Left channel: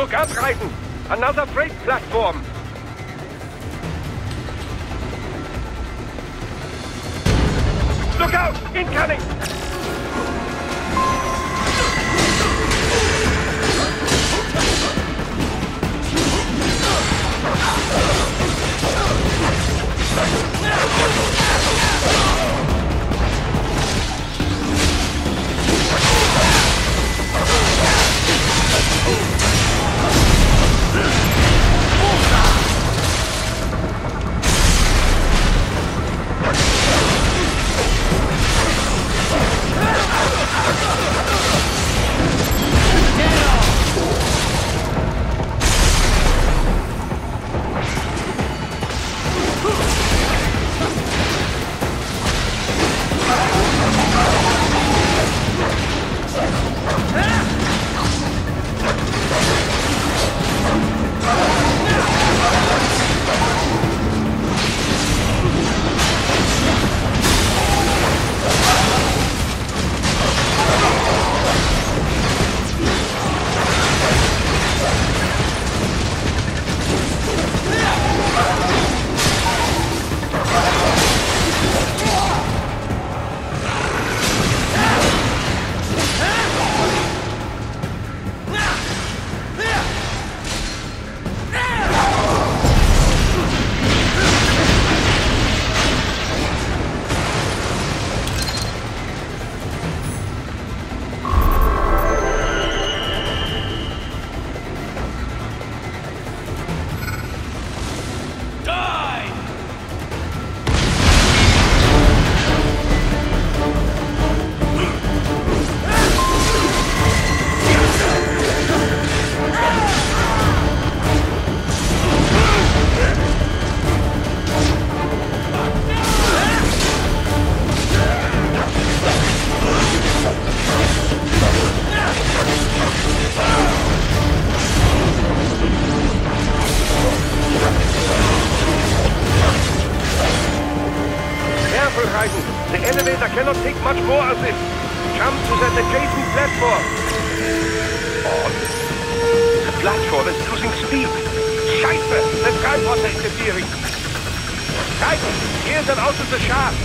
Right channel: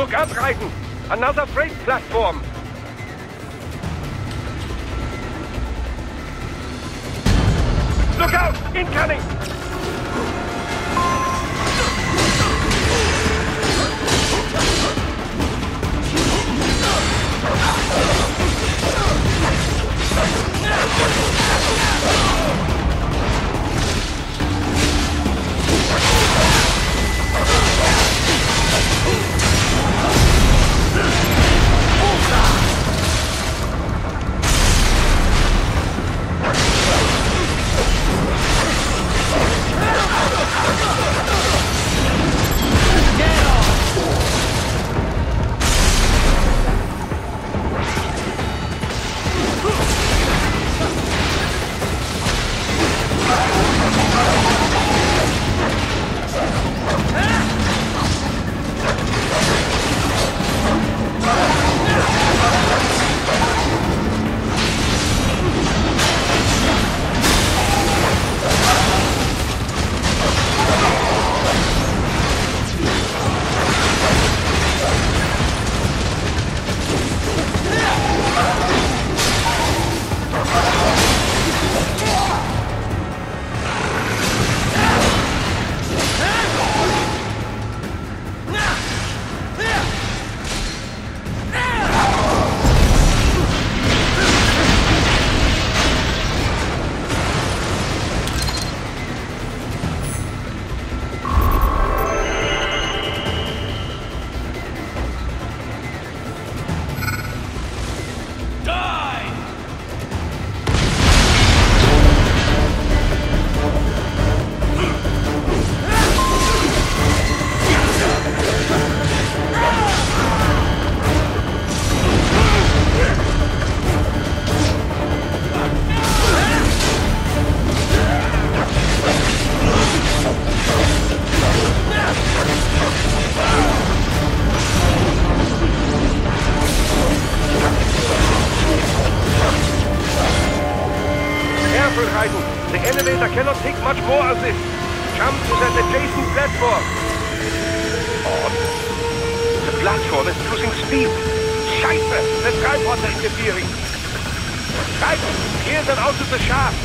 Look out, Raiden! Another freight platform! Look out! Incoming! The elevator cannot take much more of this. Jump to that adjacent platform. Odd. The platform is losing speed. Scheiße! The skypods are interfering. Raiden, clear them out of the shaft.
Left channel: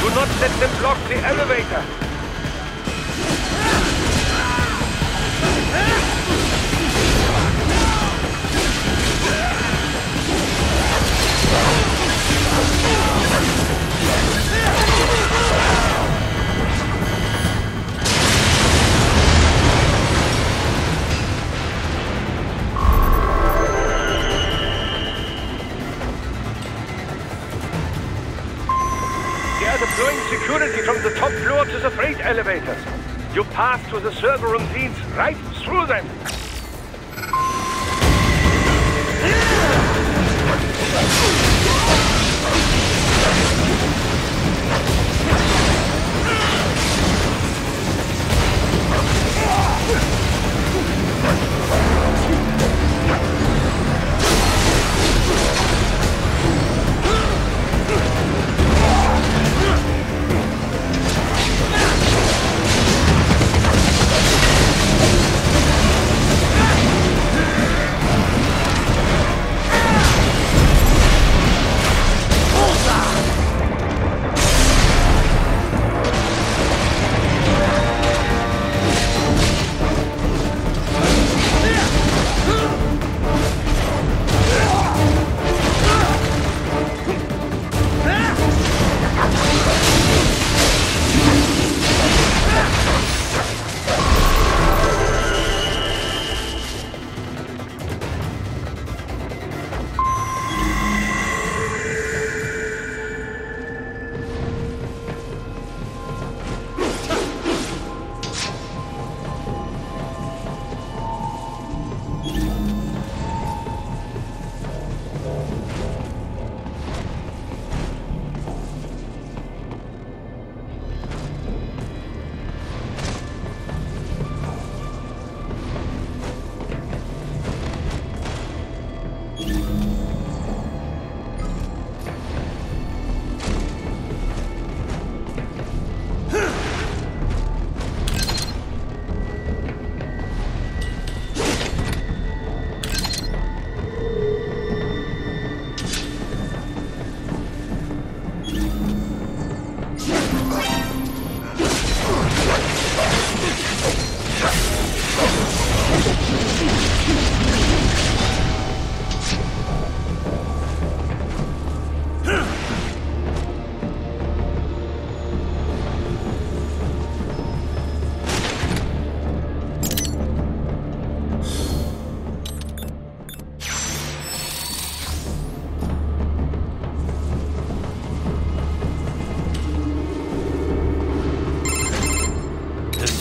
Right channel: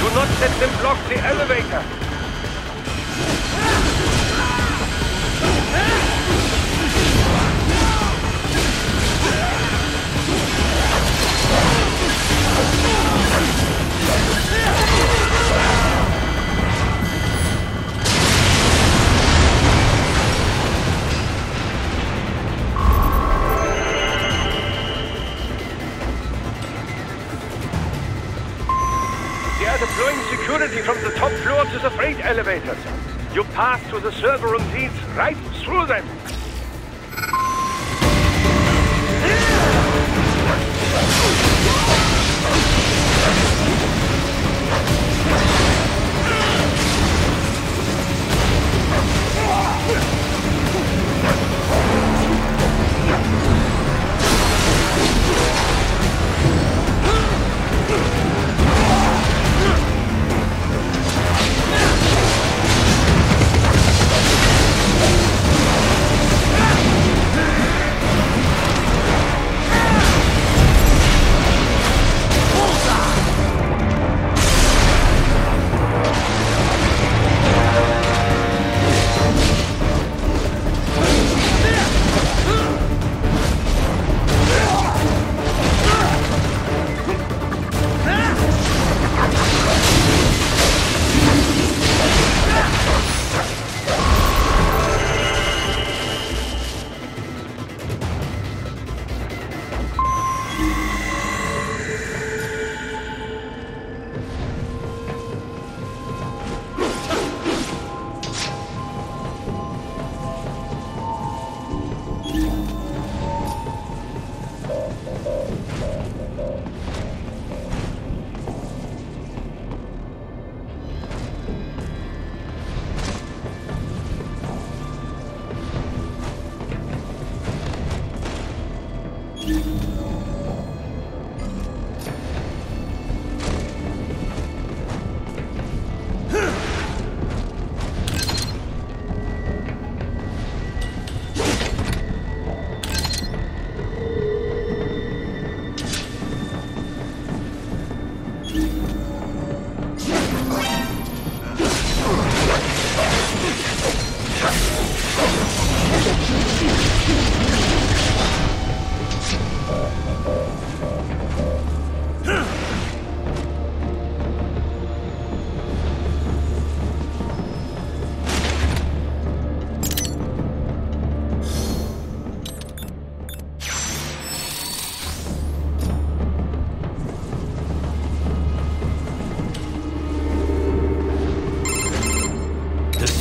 Do not let them block the elevator. They are deploying security from the top floor to the freight elevators. You pass to the server room leads right through them.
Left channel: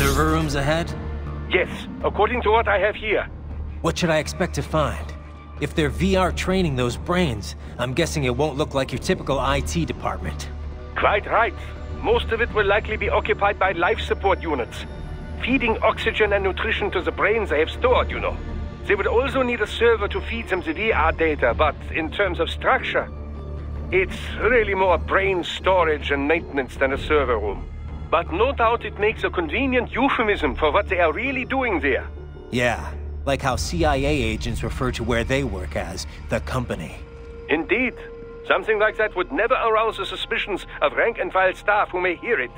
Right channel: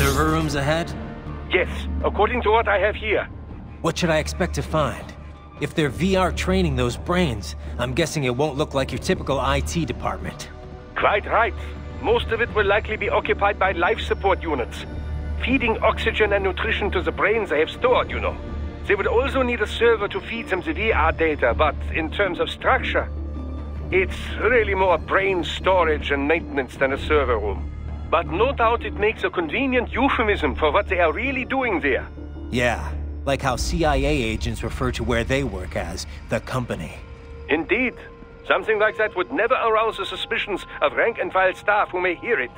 Server rooms ahead? Yes, according to what I have here. What should I expect to find? If they're VR training those brains, I'm guessing it won't look like your typical IT department. Quite right. Most of it will likely be occupied by life support units. Feeding oxygen and nutrition to the brains they have stored, you know. They would also need a server to feed them the VR data, but in terms of structure, it's really more brain storage and maintenance than a server room. But no doubt it makes a convenient euphemism for what they are really doing there. Yeah, like how CIA agents refer to where they work as the company. Indeed. Something like that would never arouse the suspicions of rank-and-file staff who may hear it.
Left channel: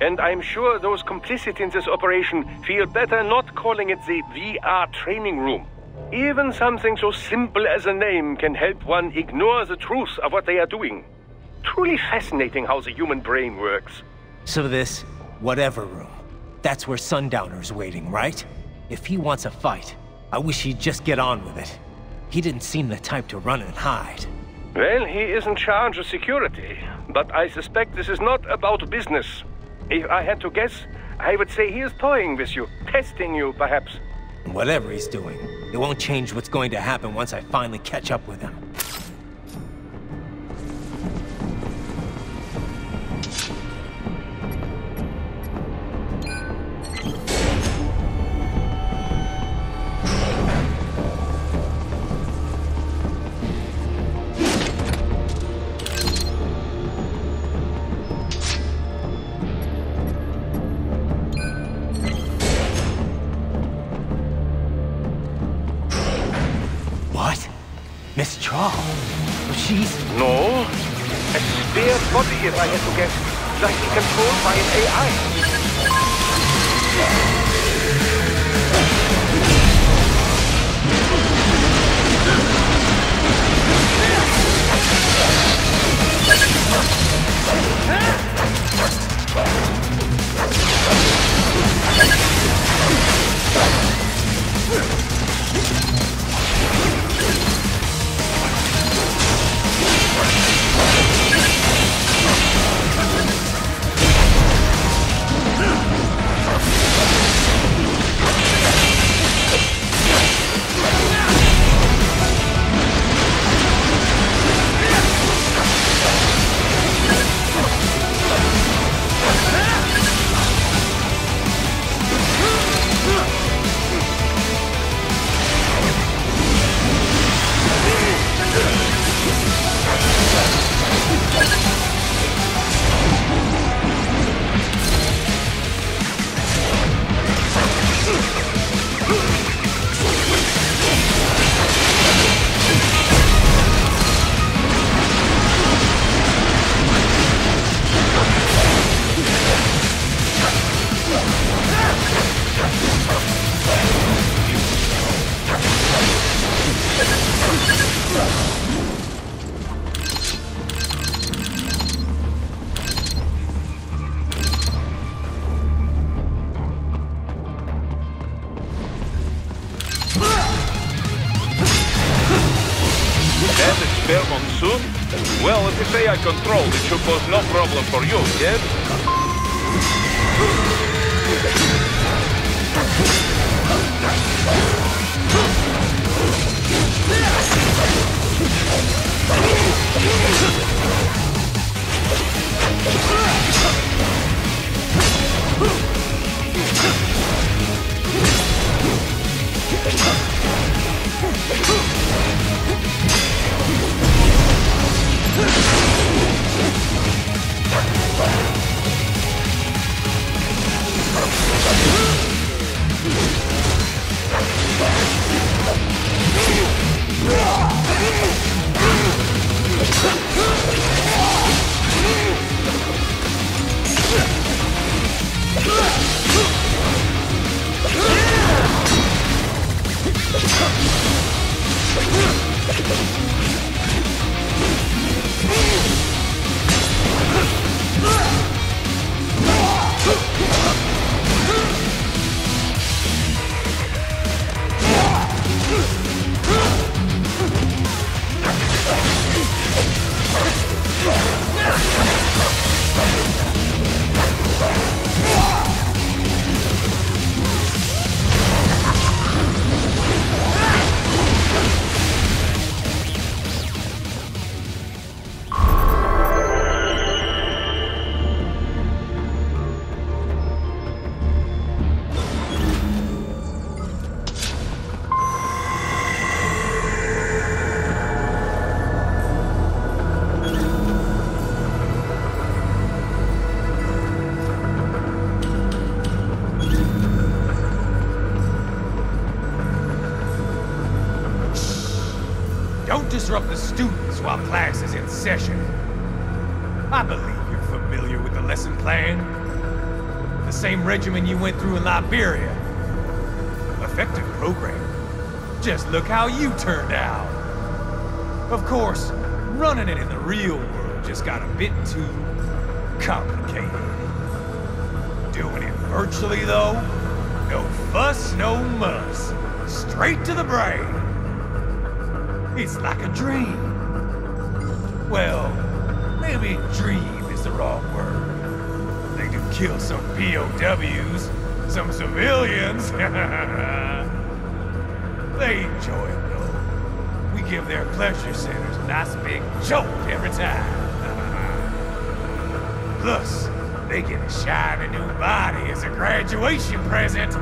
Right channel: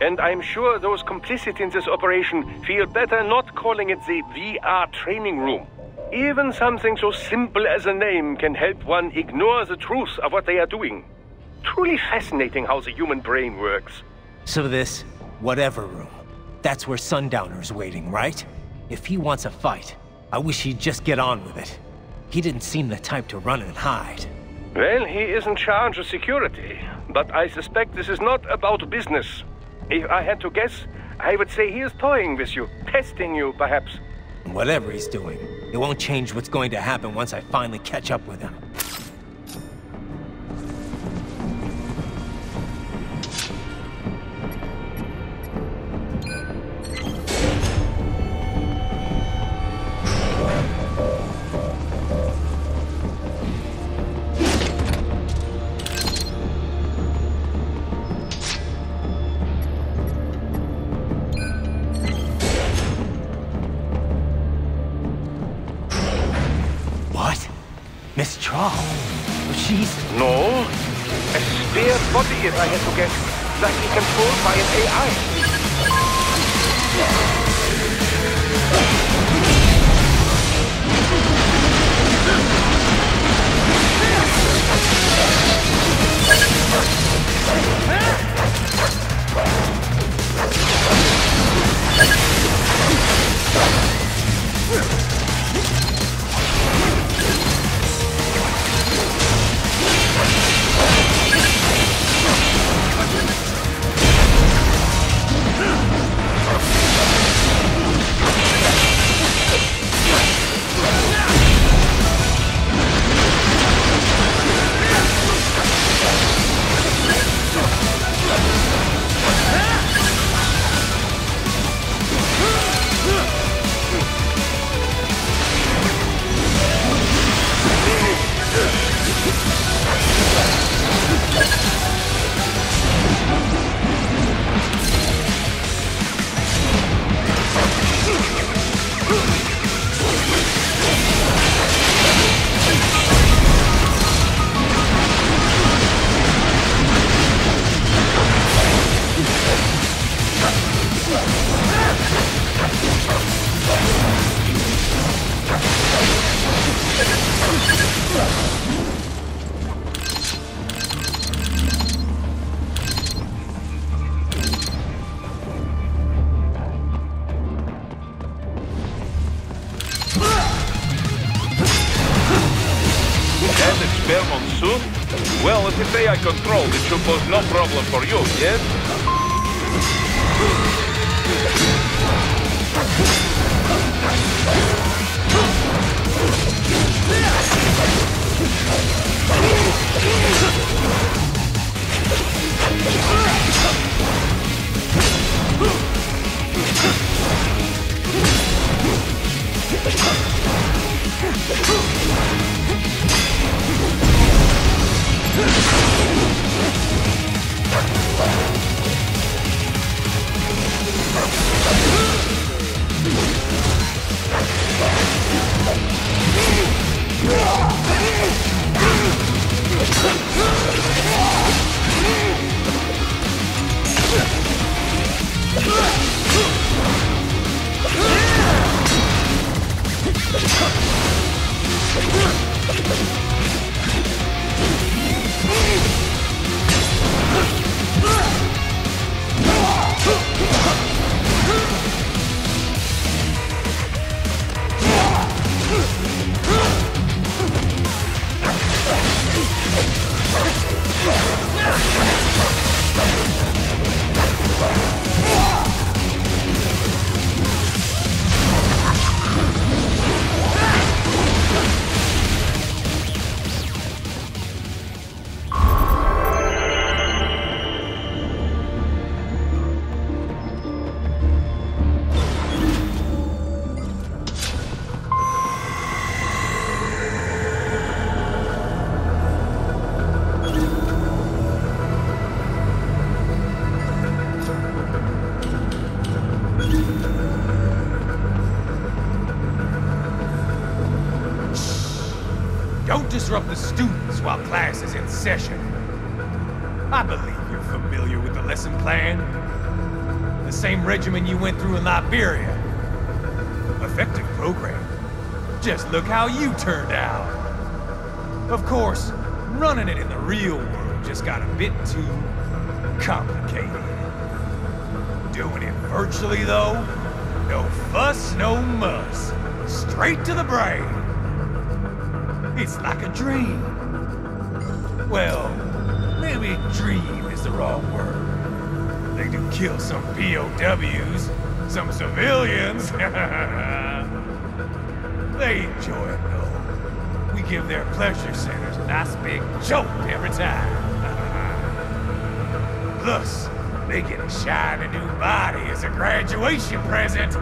And I'm sure those complicit in this operation feel better not calling it the VR training room. Even something so simple as a name can help one ignore the truth of what they are doing. Truly fascinating how the human brain works. So this, whatever room, that's where Sundowner's waiting, right? If he wants a fight, I wish he'd just get on with it. He didn't seem the type to run and hide. Well, he is in charge of security, but I suspect this is not about business. If I had to guess, I would say he is toying with you, testing you, perhaps. Whatever he's doing, it won't change what's going to happen once I finally catch up with him. What? Miss Trawl? She's... No. A spare body, if I had to guess. Likely controlled by an AI. That experiment soon? Well, if it's AI controlled, it should pose no problem for you, yes? Don't disrupt the students while class is in session. I believe you're familiar with the lesson plan. The same regimen you went through in Liberia. Effective program. Just look how you turned out. Of course, running it in the real world just got a bit too complicated. Doing it virtually, though, no fuss, no muss. Straight to the brain. It's like a dream. Well, maybe dream is the wrong word. They do kill some POWs, some civilians. They enjoy it, though. We give their pleasure centers a nice big jolt every time. Plus, they get a shiny new body as a graduation present.